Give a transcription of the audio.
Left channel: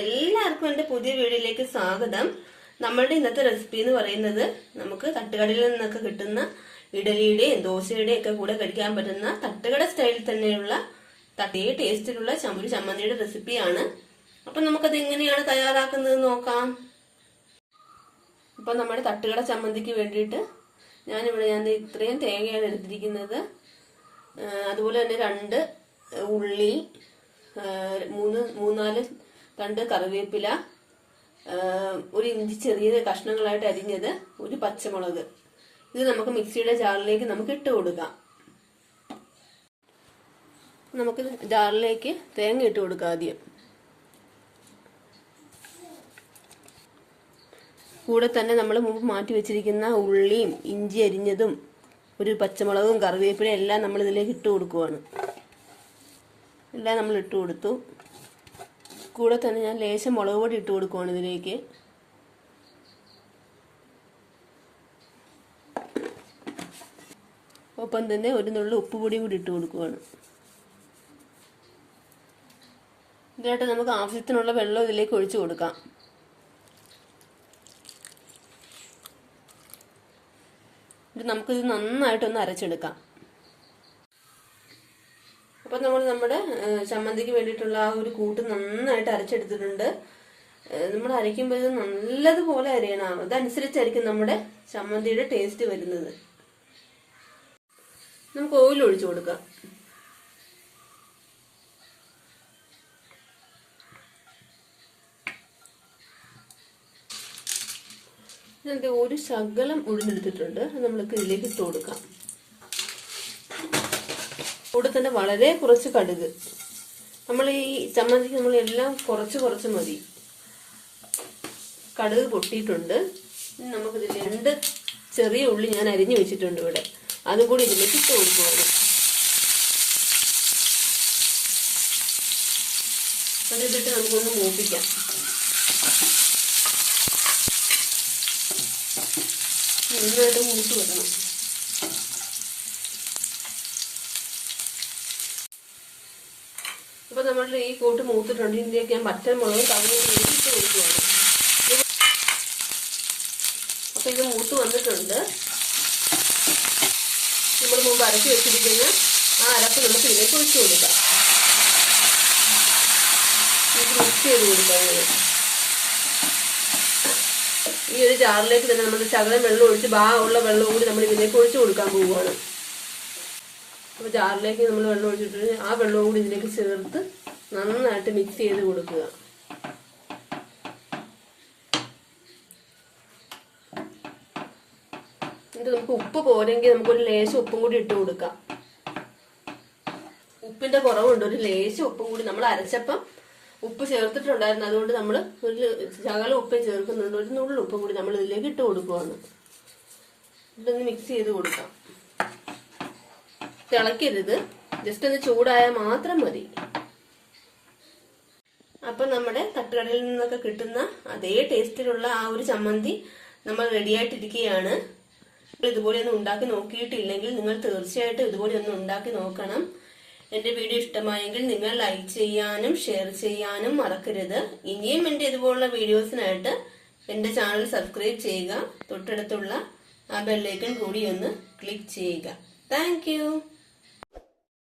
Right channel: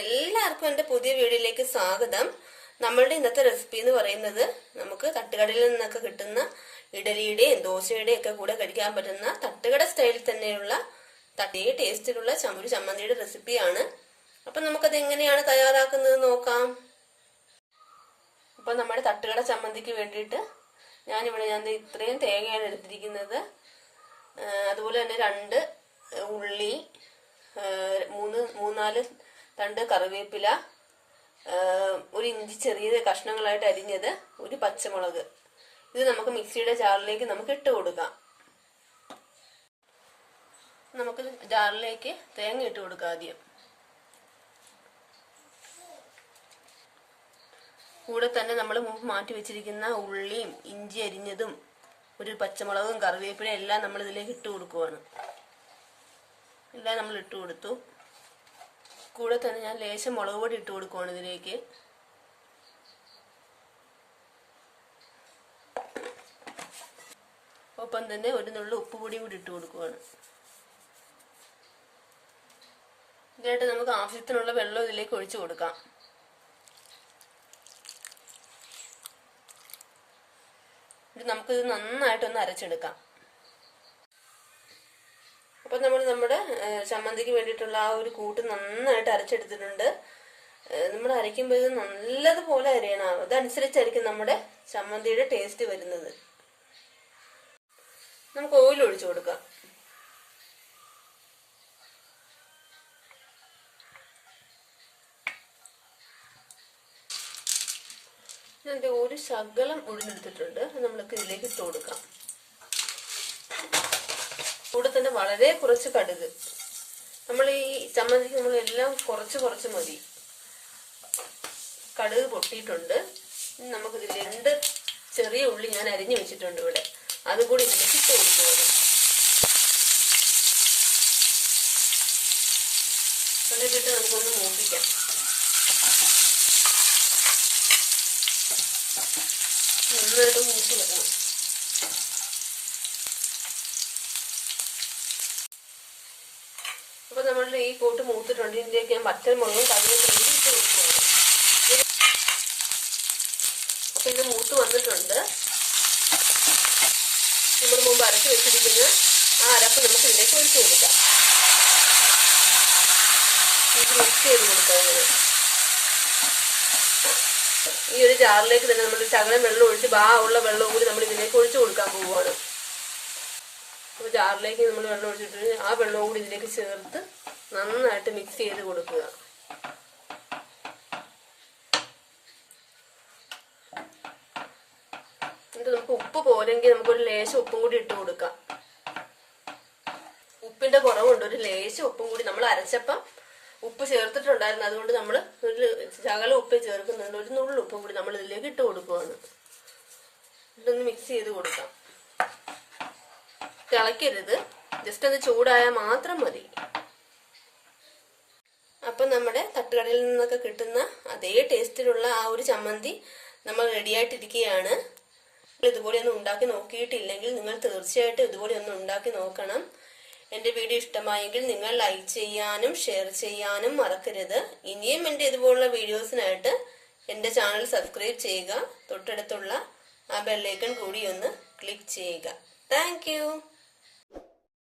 എല്ലാവർക്കും എന്റെ പുതിയ വീഡിയോയിലേക്ക് സ്വാഗതം. നമ്മളുടെ ഇന്നത്തെ റെസിപ്പി എന്ന് പറയുന്നത് നമുക്ക് തട്ടുകടയിൽ നിന്നൊക്കെ കിട്ടുന്ന ഇഡലിയുടെയും ദോശയുടെയും ഒക്കെ കൂടെ കഴിക്കാൻ പറ്റുന്ന തട്ടുകട സ്റ്റൈലിൽ തന്നെയുള്ള തട്ടേ ടേസ്റ്റിലുള്ള ചമ്മ- ഒരു ചമ്മന്തിയുടെ റെസിപ്പിയാണ് അപ്പം നമുക്കത് എങ്ങനെയാണ് തയ്യാറാക്കുന്നത് നോക്കാം. അപ്പം നമ്മുടെ തട്ടുകട ചമ്മന്തിക്ക് വേണ്ടിയിട്ട് ഞാനിവിടെ ഞാൻ ഇത്രയും തേങ്ങയാണ് എടുത്തിരിക്കുന്നത്. അതുപോലെ തന്നെ രണ്ട് ഉള്ളി മൂന്ന് മൂന്നാൽ തണ്ട് കറിവേപ്പില ഒരു ഇഞ്ചി ചെറിയ കഷ്ണങ്ങളായിട്ട് അരിഞ്ഞത് ഒരു പച്ചമുളക്. ഇത് നമുക്ക് മിക്സിയുടെ ജാറിലേക്ക് നമുക്ക് ഇട്ട് കൊടുക്കാം. നമുക്ക് ജാറിലേക്ക് തേങ്ങ ഇട്ട് കൊടുക്കാം ആദ്യം. കൂടെ തന്നെ നമ്മൾ മുമ്പ് മാറ്റി വെച്ചിരിക്കുന്ന ഉള്ളിയും ഇഞ്ചി അരിഞ്ഞതും ഒരു പച്ചമുളകും കറിവേപ്പിലയും എല്ലാം നമ്മൾ ഇതിലേക്ക് ഇട്ട് കൊടുക്കുവാണ്. എല്ലാം നമ്മൾ ഇട്ട് കൊടുത്തു. കൂടെ തന്നെ ഞാൻ ലേശം മുളക് പൊടി ഇട്ട് കൊടുക്കുവാണ് ഇതിലേക്ക്. ഒപ്പം തന്നെ ഒരു നുള്ളു ഉപ്പ് കൂടി ഇട്ട് കൊടുക്കുവാണ്. ഇതിനായിട്ട് നമുക്ക് ആവശ്യത്തിനുള്ള വെള്ളം ഇതിലേക്ക് ഒഴിച്ചു കൊടുക്കാം. ഇത് നമുക്കിത് നന്നായിട്ടൊന്ന് അരച്ചെടുക്കാം. അപ്പൊ നമ്മൾ നമ്മുടെ ചമ്മന്തിക്ക് വേണ്ടിയിട്ടുള്ള ആ ഒരു കൂട്ട് നന്നായിട്ട് അരച്ചെടുത്തിട്ടുണ്ട്. നമ്മൾ അരയ്ക്കുമ്പോൾ ഇത് നല്ലതുപോലെ അരയണം. അതനുസരിച്ചായിരിക്കും നമ്മുടെ ചമ്മന്തിയുടെ ടേസ്റ്റ് വരുന്നത്. നമുക്ക് ഓയിൽ ഒഴിച്ചു കൊടുക്കാം. ഇതിന്റെ ഒരു ശകലം ഉഴുന്നെടുത്തിട്ടുണ്ട്. അത് നമ്മൾക്ക് ഇതിലേക്ക് ഇട്ട് കൊടുക്കാം. കൂടെ തന്നെ വളരെ കുറച്ച് കടുക്. നമ്മൾ ഈ ചമ്മന്തിക്ക് നമ്മൾ എല്ലാം കുറച്ച് കുറച്ച് മതി. കടുക് പൊട്ടിയിട്ടുണ്ട്. നമുക്ക് രണ്ട് ചെറിയ ഉള്ളി ഞാൻ അരിഞ്ഞു വെച്ചിട്ടുണ്ട് ഇവിടെ. അതും കൂടി ഇതിലേക്ക് ഇട്ട് കൊടുക്കുകയാണ് ഇവിടെ ഇതിട്ട് നമുക്കൊന്ന് മൂപ്പിക്കാം. നന്നായിട്ട് മൂത്ത് വരണം. അപ്പൊ നമ്മളുടെ ഈ കൂട്ട് മൂത്തിട്ടുണ്ട്. ഇതിലേക്ക് ഞാൻ പച്ചൽ മുളകും കറിവേപ്പിലയും ഇട്ട് കൊടുക്കുകയാണ്. അപ്പൊ ഇത് മൂത്ത് വന്നിട്ടുണ്ട്. നമ്മൾ മുമ്പ് അരച്ച് വെച്ചിരിക്കുന്ന ആ അരപ്പ് നമുക്ക് ഇതിലേക്ക് ഒഴിച്ചു കൊടുക്കാം. ഇത് മിക്സ് ചെയ്ത് കൊടുക്കാം ഈ ഒരു ജാറിലേക്ക് തന്നെ നമ്മൾ ശകലം വെള്ളം ഒഴിച്ച് ബാ ഉള്ള വെള്ളം കൂടി നമ്മൾ ഇതിലേക്ക് ഒഴിച്ചു കൊടുക്കാൻ പോവുകയാണ്. അപ്പോൾ ജാറിലേക്ക് നമ്മൾ വെള്ളം ഒഴിച്ചിട്ട് ആ വെള്ളവും കൂടി ഇതിലേക്ക് ചേർത്ത് നന്നായിട്ട് മിക്സ് ചെയ്ത് കൊടുക്കുക. എന്നിട്ട് നമുക്ക് ഉപ്പ് പോരെങ്കിൽ നമുക്കൊരു ലേശം ഉപ്പും കൂടി ഇട്ട് കൊടുക്കാം. ഉപ്പിന്റെ കുറവുണ്ട്. ഒരു ലേശം ഉപ്പും കൂടി നമ്മൾ അരച്ചപ്പം ഉപ്പ് ചേർത്തിട്ടുണ്ടായിരുന്നു. അതുകൊണ്ട് നമ്മൾ ഒരു ശകലം ഉപ്പ് ചേർക്കുന്നുണ്ട്. ഒരു നുള്ളു ഉപ്പ് കൂടി നമ്മൾ ഇതിലേക്ക് ഇട്ട് കൊടുക്കുവാണ്. ഇതൊന്ന് മിക്സ് ചെയ്ത് കൊടുക്കാം. തിളയ്ക്കരുത്. ജസ്റ്റ് അത് ചൂടായാൽ മാത്രം മതി. അപ്പൊ നമ്മുടെ തട്ടുകടയിൽ നിന്നൊക്കെ കിട്ടുന്ന അതേ ടേസ്റ്റിലുള്ള ആ ഒരു ചമ്മന്തി നമ്മൾ റെഡിയായിട്ടിരിക്കുകയാണ് ഇതുപോലെ ഒന്ന് ഉണ്ടാക്കി നോക്കിയിട്ടില്ലെങ്കിൽ നിങ്ങൾ തീർച്ചയായിട്ടും ഇതുപോലെ ഒന്ന് ഉണ്ടാക്കി നോക്കണം. എന്റെ വീഡിയോ ഇഷ്ടമായെങ്കിൽ നിങ്ങൾ ലൈക്ക് ചെയ്യാനും ഷെയർ ചെയ്യാനും മറക്കരുത്. ഇനിയും എന്റെ ഇതുപോലുള്ള വീഡിയോസിനായിട്ട് എന്റെ ചാനൽ സബ്സ്ക്രൈബ് ചെയ്യുക. തൊട്ടടുത്തുള്ള ആ ബെല്ലൈക്കൺ കൂടി ഒന്ന് ക്ലിക്ക് ചെയ്യുക. താങ്ക്